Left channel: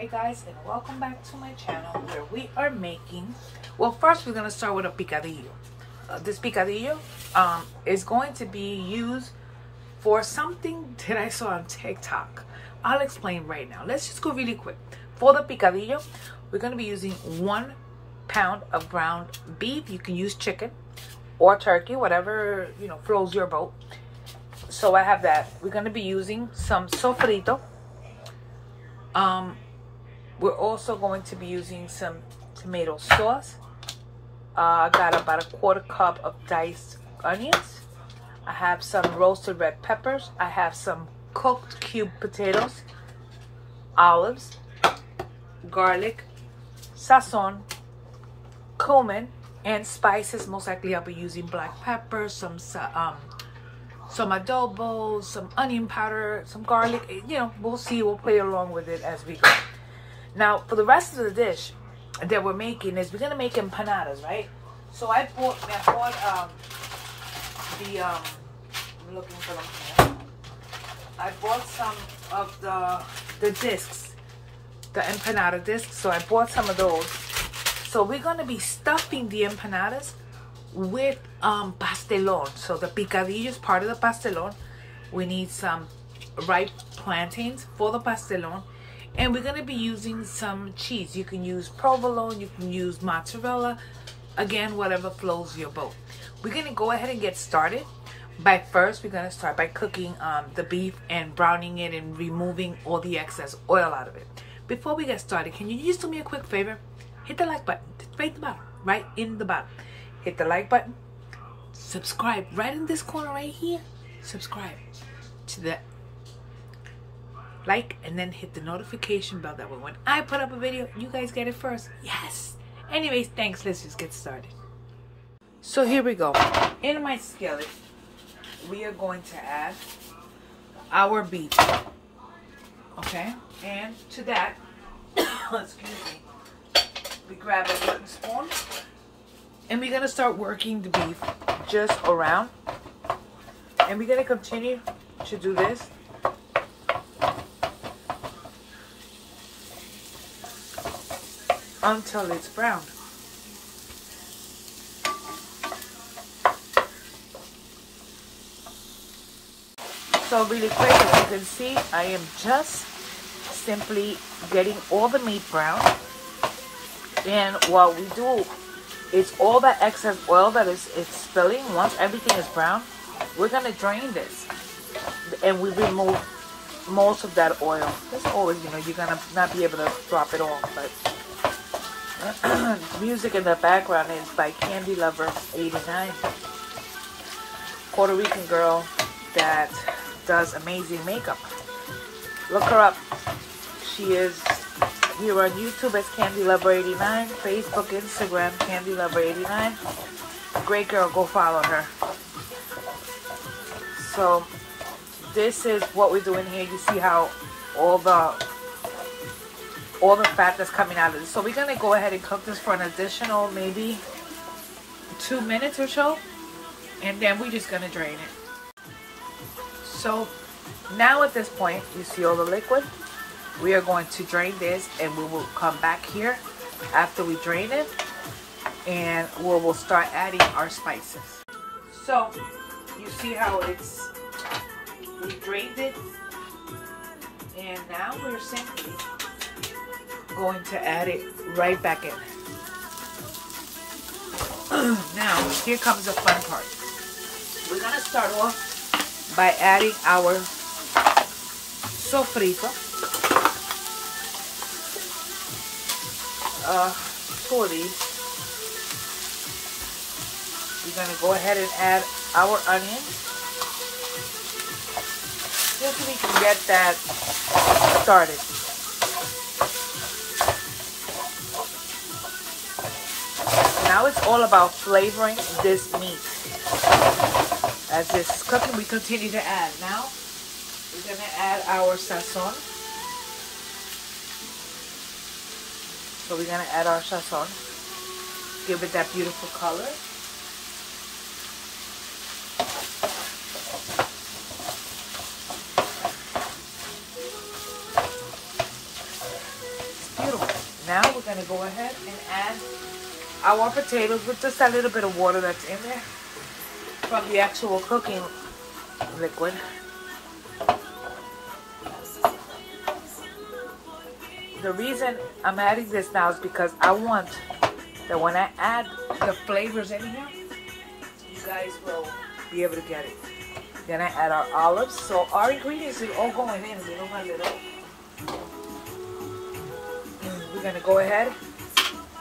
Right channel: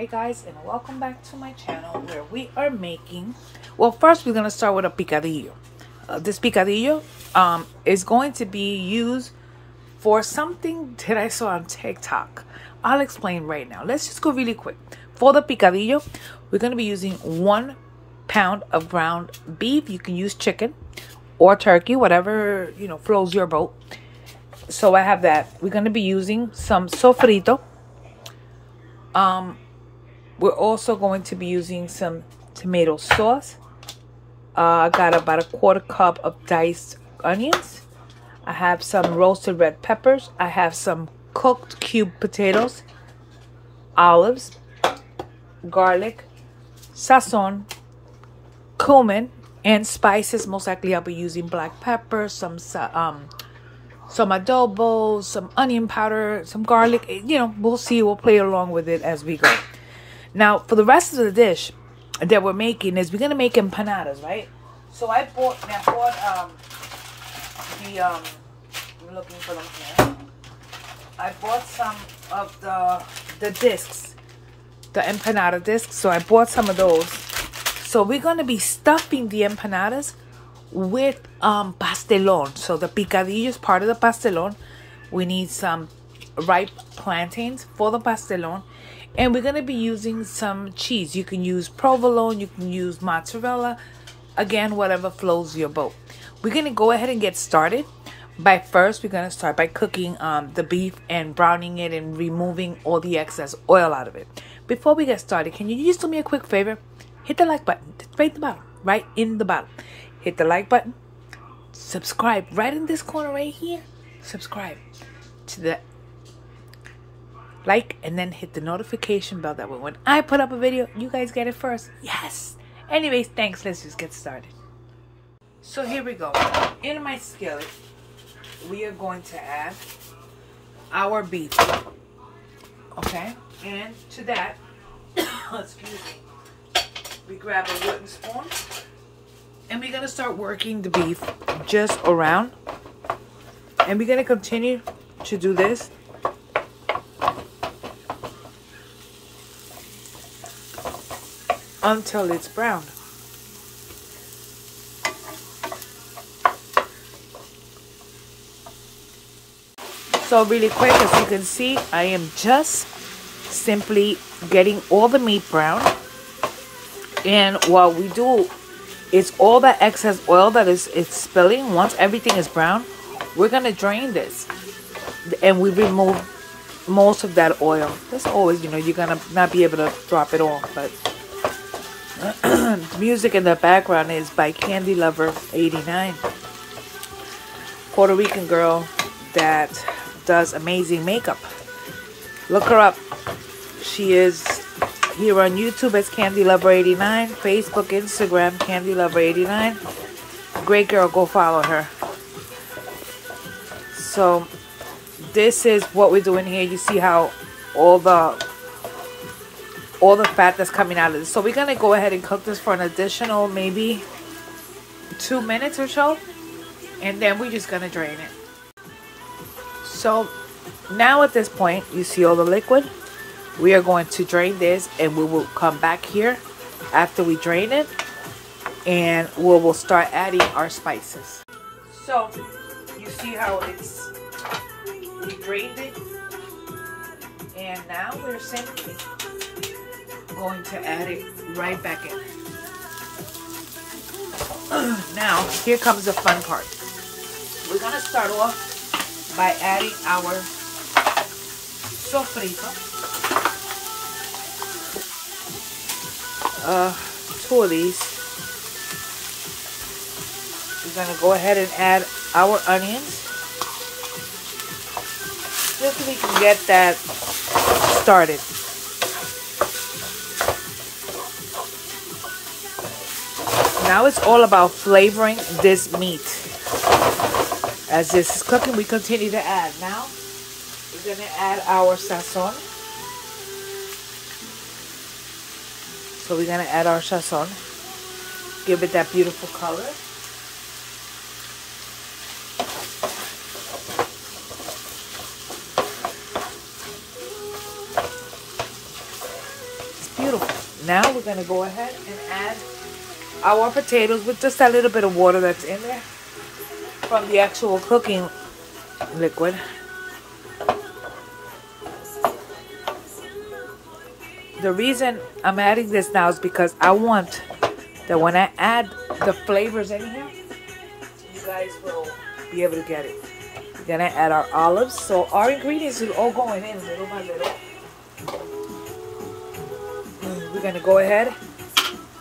Hey guys, and welcome back to my channel where we are making, well, first we're going to start with a picadillo. This picadillo is going to be used for something that I saw on TikTok. I'll explain right now. Let's just go really quick. For the picadillo, we're going to be using 1 pound of ground beef. You can use chicken or turkey, whatever, you know, flows your boat. So I have that. We're going to be using some sofrito. We're also going to be using some tomato sauce. I got about a 1/4 cup of diced onions. I have some roasted red peppers. I have some cooked cubed potatoes, olives, garlic, sazon, cumin, and spices. Most likely I'll be using black pepper, some adobo, some onion powder, some garlic. You know, we'll see. We'll play along with it as we go. Now, for the rest of the dish that we're making is we're gonna make empanadas, right? So I'm looking for them here. I bought some of the discs, the empanada discs. So I bought some of those. So we're gonna be stuffing the empanadas with pastelon. So the picadillo is part of the pastelon. We need some ripe plantains for the pastelon. And we're going to be using some cheese. You can use provolone, you can use mozzarella. Again, whatever flows your boat. We're going to go ahead and get started. We're going to start by cooking the beef and browning it and removing all the excess oil out of it. Before we get started, can you just do me a quick favor? Hit the like button. Right at the bottom. Right in the bottom. Hit the like button. Subscribe. Right in this corner right here. Subscribe to the like, and then hit the notification bell. That way when I put up a video, you guys get it first. Yes. Anyways, thanks. Let's just get started. So here we go. In my skillet, we are going to add our beef. Okay. And to that, excuse me, we grab a wooden spoon. And we're going to start working the beef just around. And we're going to continue to do this until it's brown. So really quick, as you can see, I am just simply getting all the meat brown. And what we do is all the excess oil that is spilling, once everything is brown, we're going to drain this. And we remove most of that oil. That's always, you know, you're going to not be able to drop it all, but music in the background is by Candy Lover 89, Puerto Rican girl that does amazing makeup. Look her up. She is here on YouTube as Candy Lover 89, Facebook, Instagram, Candy Lover 89. Great girl, go follow her. So this is what we're doing here. You see how all the fat that's coming out of this. So we're gonna go ahead and cook this for an additional maybe 2 minutes or so, and then we're just gonna drain it. So now at this point, you see all the liquid. We are going to drain this, and we will come back here after we drain it, and we'll start adding our spices. So you see how we drained it, and now we're simply going to add it right back in. Now, here comes the fun part. We're going to start off by adding our sofrito. 2 of these. We're going to go ahead and add our onions, just so we can get that started. Now it's all about flavoring this meat. As this is cooking, we continue to add. Now we're going to add our sazon. So we're going to add our sazon. Give it that beautiful color. we're gonna go ahead and add our potatoes with just a little bit of water that's in there from the actual cooking liquid. The reason I'm adding this now is because I want that when I add the flavors in here, you guys will be able to get it. Then I add our olives. So our ingredients are all going in little by little. And we're gonna go ahead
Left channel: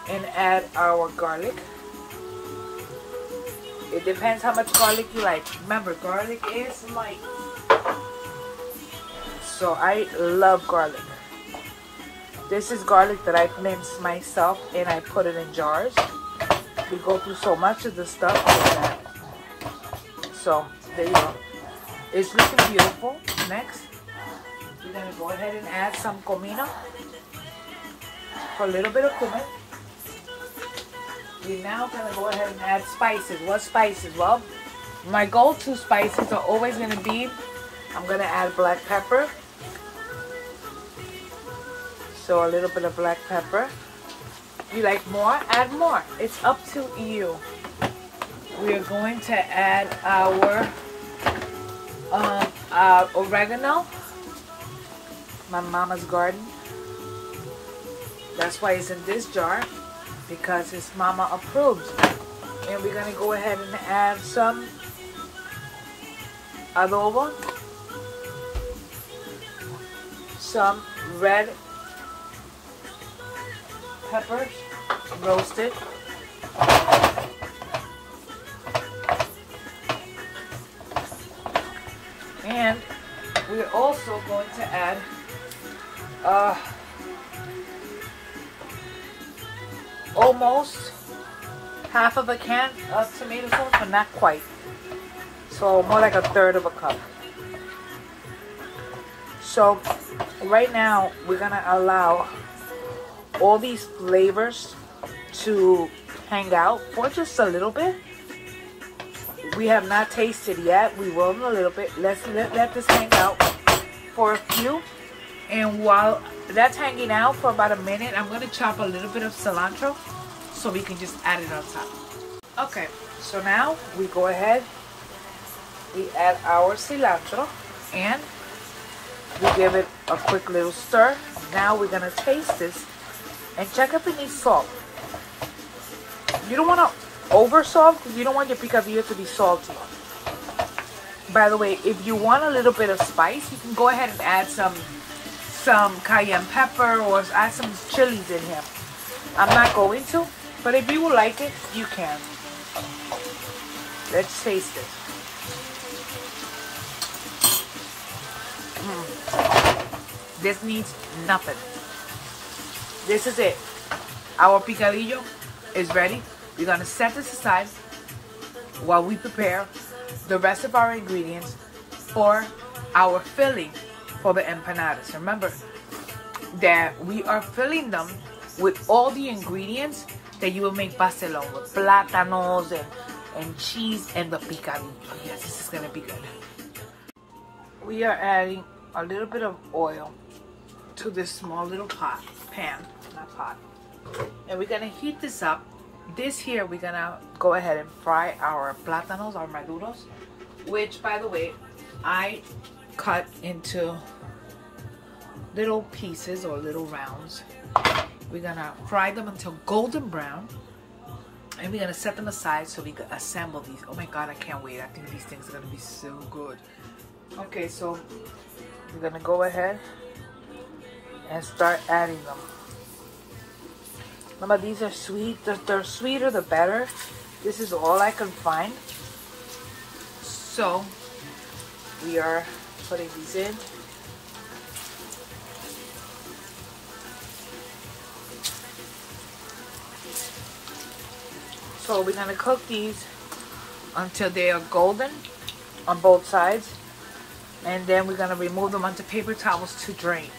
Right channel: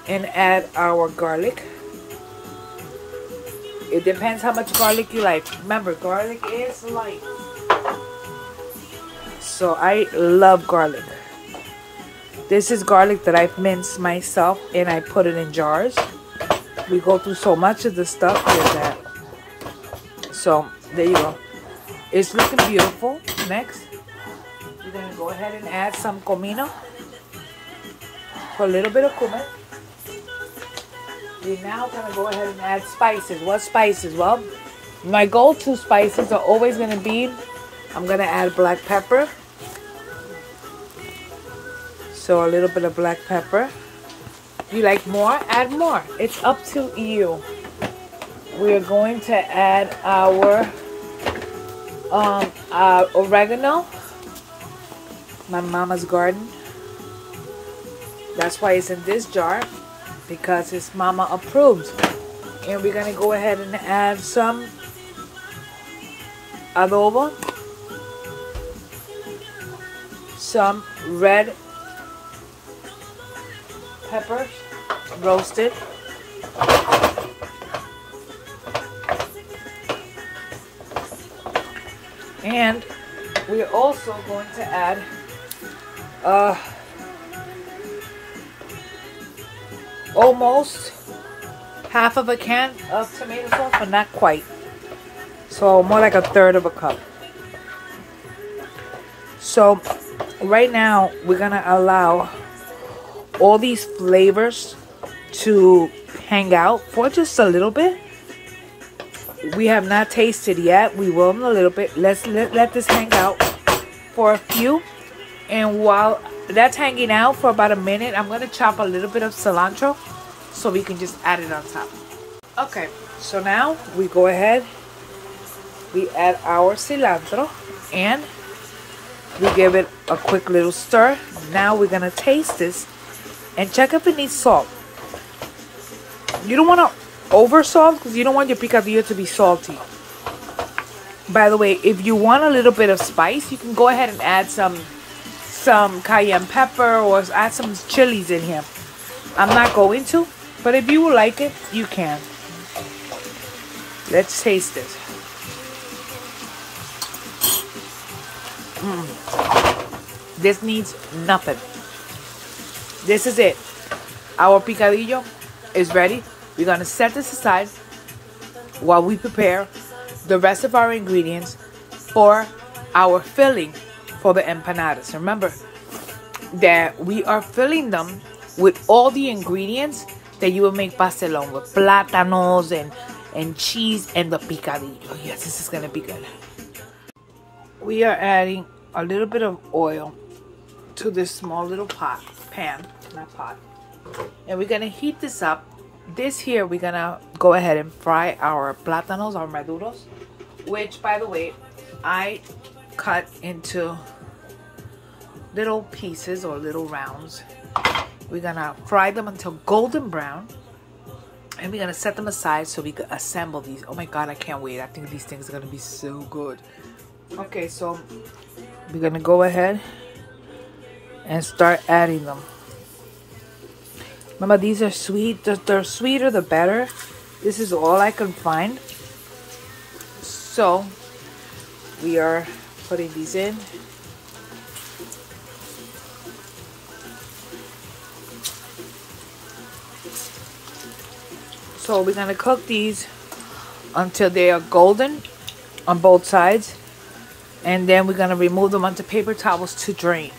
and add our garlic. It depends how much garlic you like. Remember, garlic is light. So I love garlic. This is garlic that I've minced myself and I put it in jars. We go through so much of the stuff with that. So there you go. It's looking beautiful. Next, we're gonna go ahead and add some comino. For a little bit of cumin. We're now gonna go ahead and add spices. What spices? Well, my go-to spices are always gonna be, I'm gonna add black pepper. So a little bit of black pepper. If you like more, add more. It's up to you. We're going to add our oregano. My mama's garden. That's why it's in this jar, because it's mama approved. And we're gonna go ahead and add some adobo, some red peppers, roasted, and we're also going to add almost half of a can of tomato sauce, but not quite. So more like a third of a cup. So right now we're gonna allow all these flavors to hang out for just a little bit. We have not tasted yet. We will in a little bit. Let's let this hang out for a few. And while that's hanging out for about a minute, I'm going to chop a little bit of cilantro so we can just add it on top. Okay, so now we go ahead, we add our cilantro, and we give it a quick little stir. Now we're going to taste this and check if it needs salt. You don't want to over salt because you don't want your picadillo to be salty. By the way, if you want a little bit of spice, you can go ahead and add some cayenne pepper or add some chilies in here. I'm not going to, but if you would like it, you can. Let's taste it. This needs nothing. This is it. Our picadillo is ready. We're going to set this aside while we prepare the rest of our ingredients for our filling for the empanadas. Remember that we are filling them with all the ingredients that you will make pastelon with, platanos and cheese and the picadillo. Yes, this is going to be good. We are adding a little bit of oil to this small little pan, not pot. And we're going to heat this up. This here, we're going to go ahead and fry our platanos, our maduros, which, by the way, I cut into little pieces or little rounds. We're going to fry them until golden brown. And we're going to set them aside so we can assemble these. Oh my God, I can't wait. I think these things are going to be so good. Okay, so we're going to go ahead and start adding them. Remember, these are sweet. The sweeter, the better. This is all I can find. So, we are putting these in. So, we're going to cook these until they are golden on both sides. And then we're going to remove them onto paper towels to drain.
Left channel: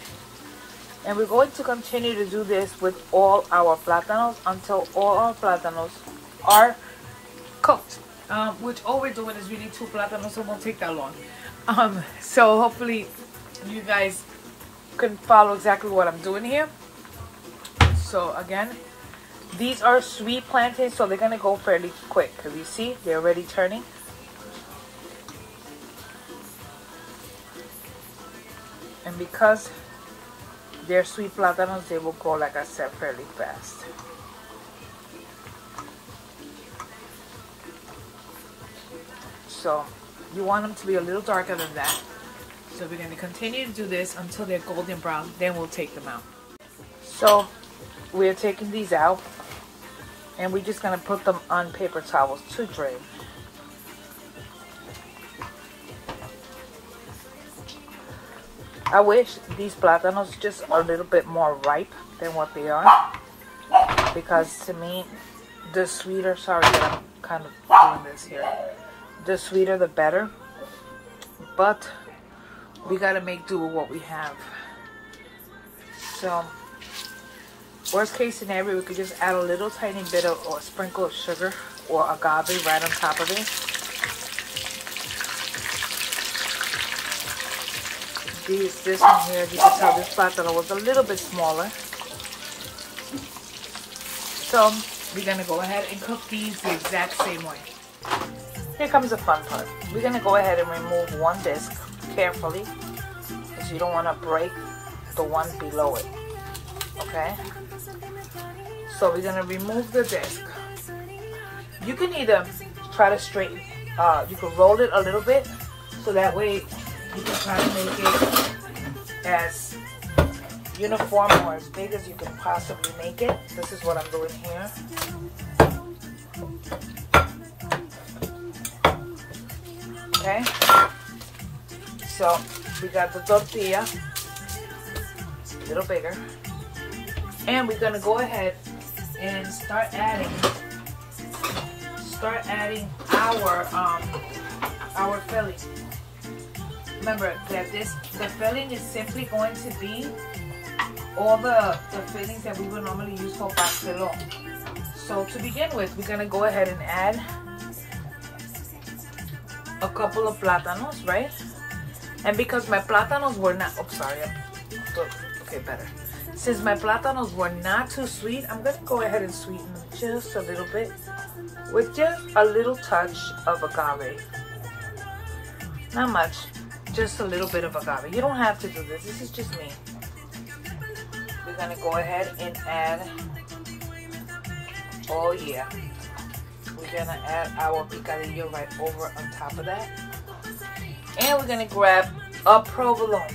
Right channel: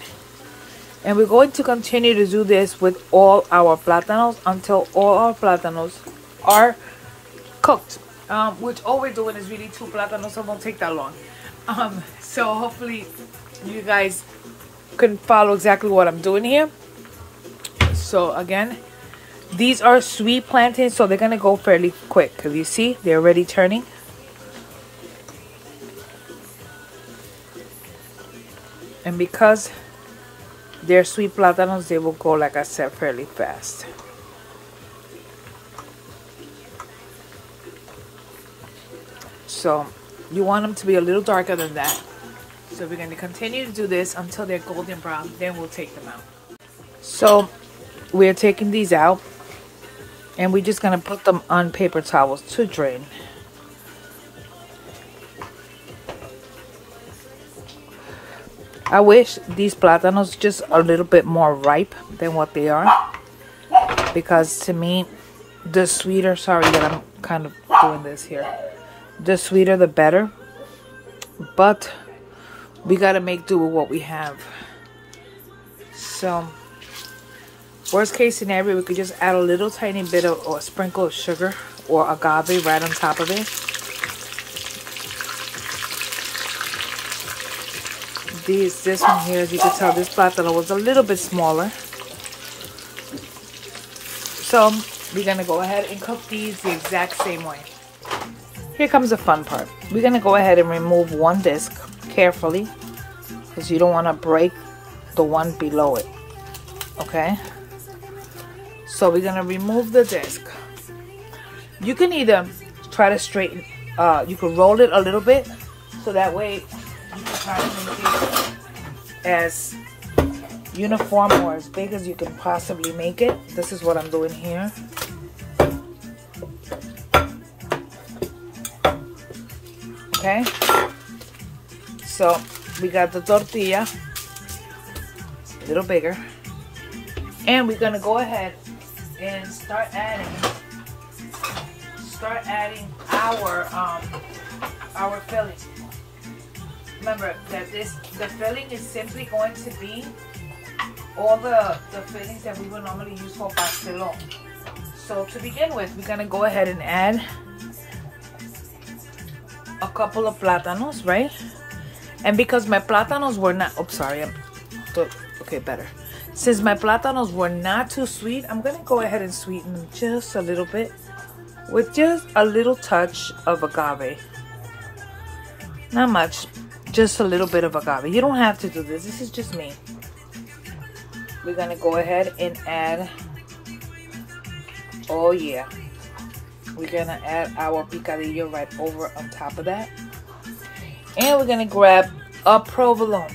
And we're going to continue to do this with all our platanos until all our platanos are cooked. Which all we're doing is really 2 platanos, so it won't take that long. So hopefully you guys can follow exactly what I'm doing here. So again, these are sweet plantains, so they're gonna go fairly quick. Because you see, they're already turning. And because they're sweet platanos, they will go, like I said, fairly fast. So you want them to be a little darker than that. So we're going to continue to do this until they're golden brown. Then we'll take them out. So we're taking these out. And we're just going to put them on paper towels to drain. I wish these platanos just a little bit more ripe than what they are. Because to me, the sweeter, sorry that I'm kind of doing this here. The sweeter the better. But we got to make do with what we have. So, worst case scenario, we could just add a little tiny bit of, or a sprinkle of sugar or agave right on top of it. This one here, as you can tell, this platano was a little bit smaller. So, we're going to go ahead and cook these the exact same way. Here comes the fun part. We're going to go ahead and remove one disc carefully, because you don't want to break the one below it. Okay? So we're going to remove the disc. You can either try to straighten, you can roll it a little bit, so that way you can try to make it as uniform or as big as you can possibly make it. This is what I'm doing here. Okay, so we got the tortilla, a little bigger, and we're gonna go ahead and start adding our filling. Remember that the filling is simply going to be all the fillings that we would normally use for pastelon. So to begin with, we're gonna go ahead and add a couple of platanos, right? And because my platanos were not, oops, sorry, okay, better. Since my platanos were not too sweet, I'm gonna go ahead and sweeten them just a little bit with just a little touch of agave. Not much, just a little bit of agave. You don't have to do this, this is just me. We're gonna go ahead and add, oh yeah, we're gonna add our picadillo right over on top of that. And we're gonna grab a provolone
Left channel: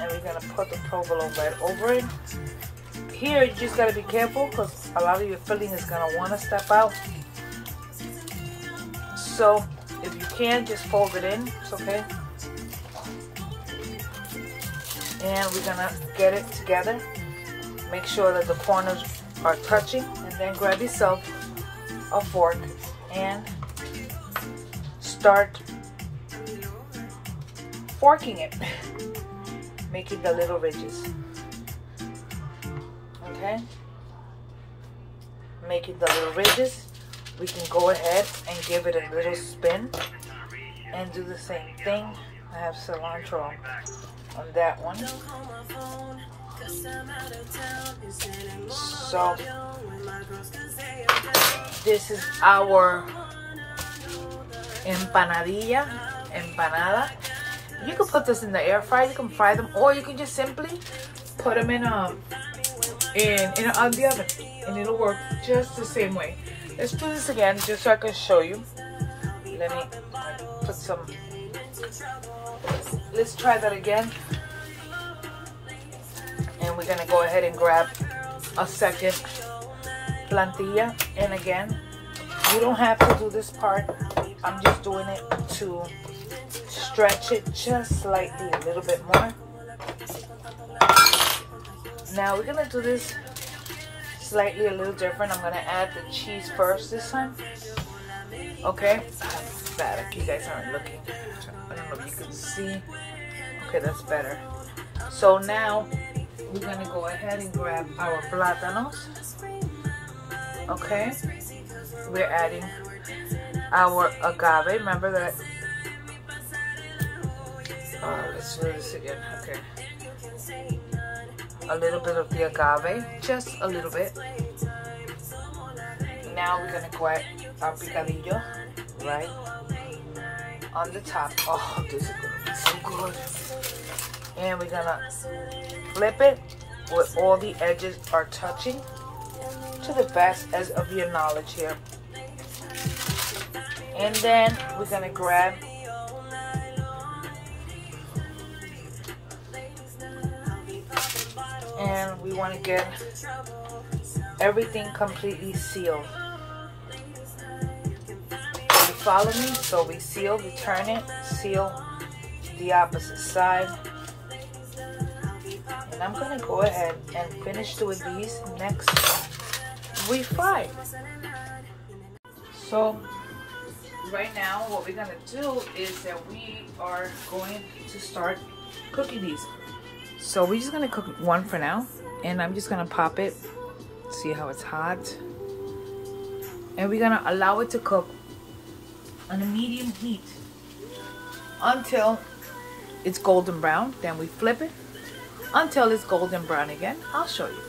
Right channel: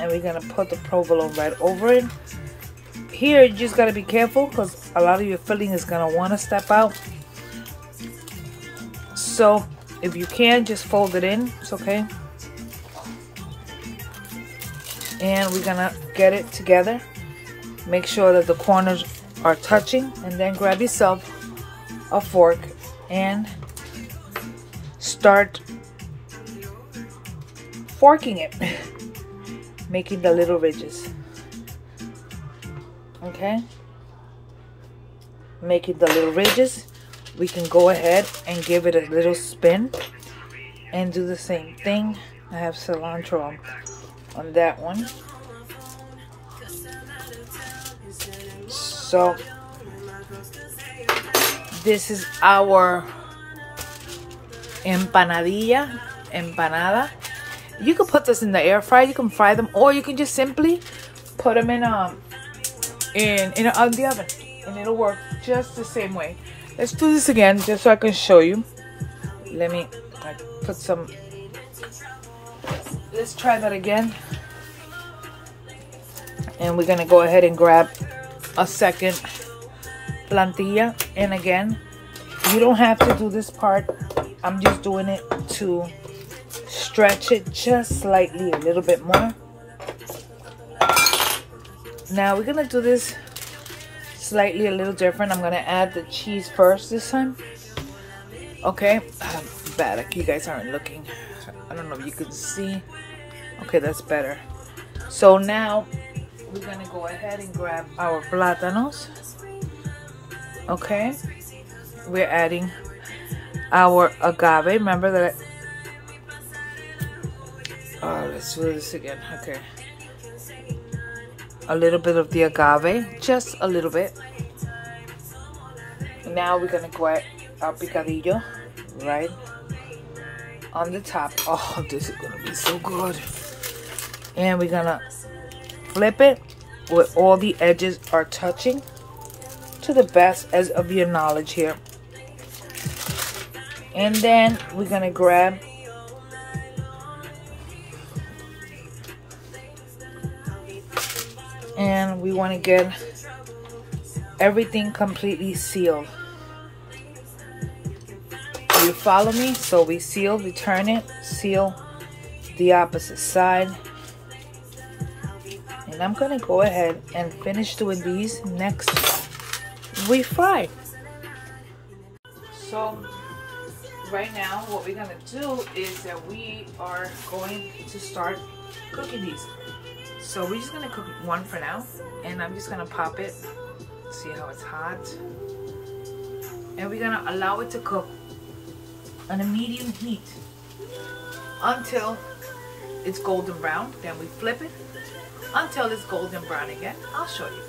and we're gonna put the provolone right over it. Here you just gotta be careful because a lot of your filling is gonna wanna step out. So if you can, just fold it in, it's okay. And we're gonna get it together. Make sure that the corners are touching, and then grab yourself a fork and start forking it, making the little ridges. Okay, making the little ridges. We can go ahead and give it a little spin and do the same thing. I have cilantro on that one. So this is our empanada. You can put this in the air fryer, you can fry them, or you can just simply put them in the oven and it'll work just the same way. Let's do this again just so I can show you. Let me put some, let's try that again. And we're gonna go ahead and grab a second plantilla, and again, you don't have to do this part. I'm just doing it to stretch it just slightly a little bit more. Now we're gonna do this slightly a little different. I'm gonna add the cheese first this time. Okay, bad, you guys aren't looking. I don't know if you can see. Okay, that's better. So now we're gonna go ahead and grab our plátanos. Okay, we're adding our agave. Remember that. Oh, let's do this again. Okay. a little bit of the agave, just a little bit. Now we're gonna go at our picadillo, right on the top. Oh, this is gonna be so good. And we're gonna flip it where all the edges are touching to the best as of your knowledge here. And then we're gonna grab and we want to get everything completely sealed. You follow me? So we seal, we turn it, seal the opposite side. And I'm gonna go ahead and finish doing these next we fry. So right now what we're gonna do is that we are going to start cooking these. So we're just gonna cook one for now, and I'm just gonna pop it, see how it's hot, and we're gonna allow it to cook on a medium heat until it's golden brown. Then we flip it until it's golden brown again. I'll show you.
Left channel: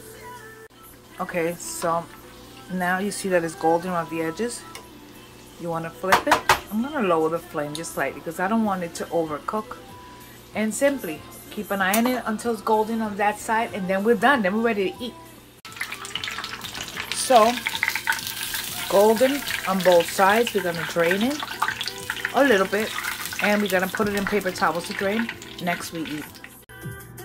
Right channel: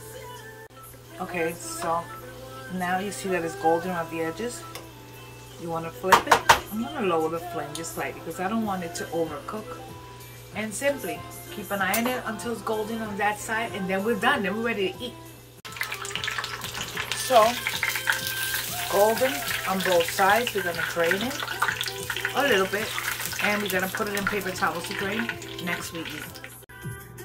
Okay, so now you see that it's golden on the edges. You want to flip it. I'm gonna lower the flame just slightly because I don't want it to overcook. And simply keep an eye on it until it's golden on that side, and then we're done. Then we're ready to eat. So golden on both sides. We're gonna drain it a little bit, and we're gonna put it in paper towels to drain next we eat.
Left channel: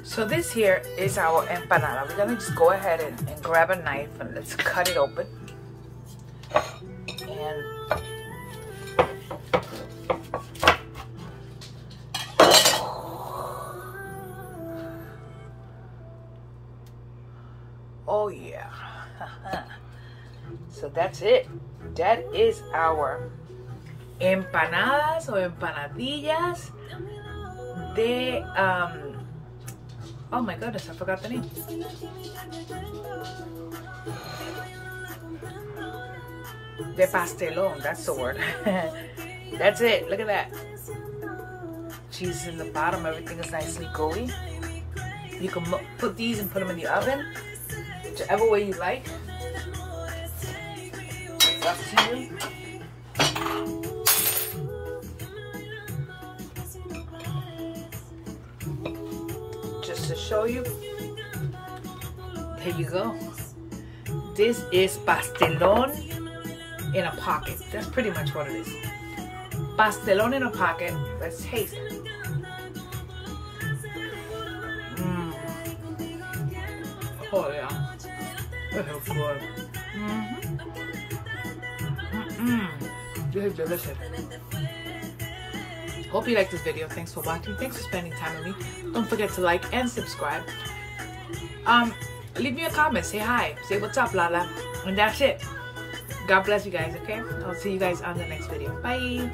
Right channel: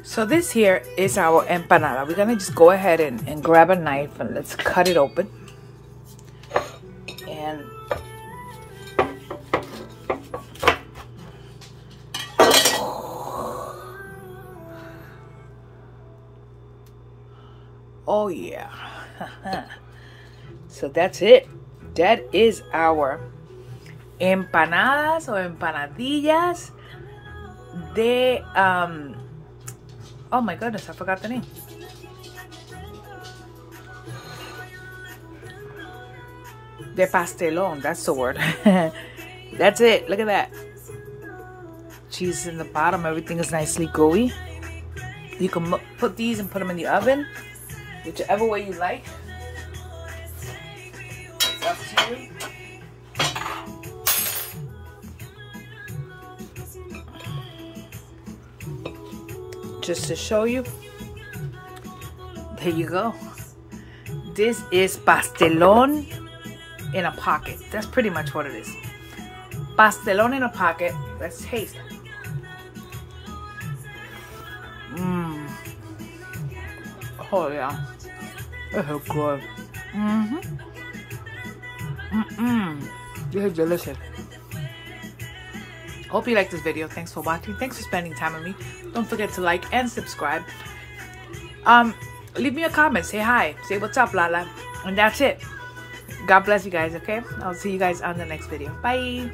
So this here is our empanada. We're gonna just go ahead and grab a knife and let's cut it open. And oh yeah. So that's it. That is our empanadas or empanadillas de oh my goodness, I forgot the name. De Pastelon, that's the word. That's it. Look at that. Cheese in the bottom, everything is nicely gooey. You can put these and put them in the oven, whichever way you like. It's up to you. Just to show you, here you go. This is pastelon in a pocket. That's pretty much what it is. Pastelon in a pocket. Let's taste it. Oh yeah, this is good. This is delicious. Hope you like this video. Thanks for watching. Thanks for spending time with me. Don't forget to like and subscribe. Leave me a comment. Say hi. Say what's up, Lala. And that's it. God bless you guys, okay? I'll see you guys on the next video. Bye.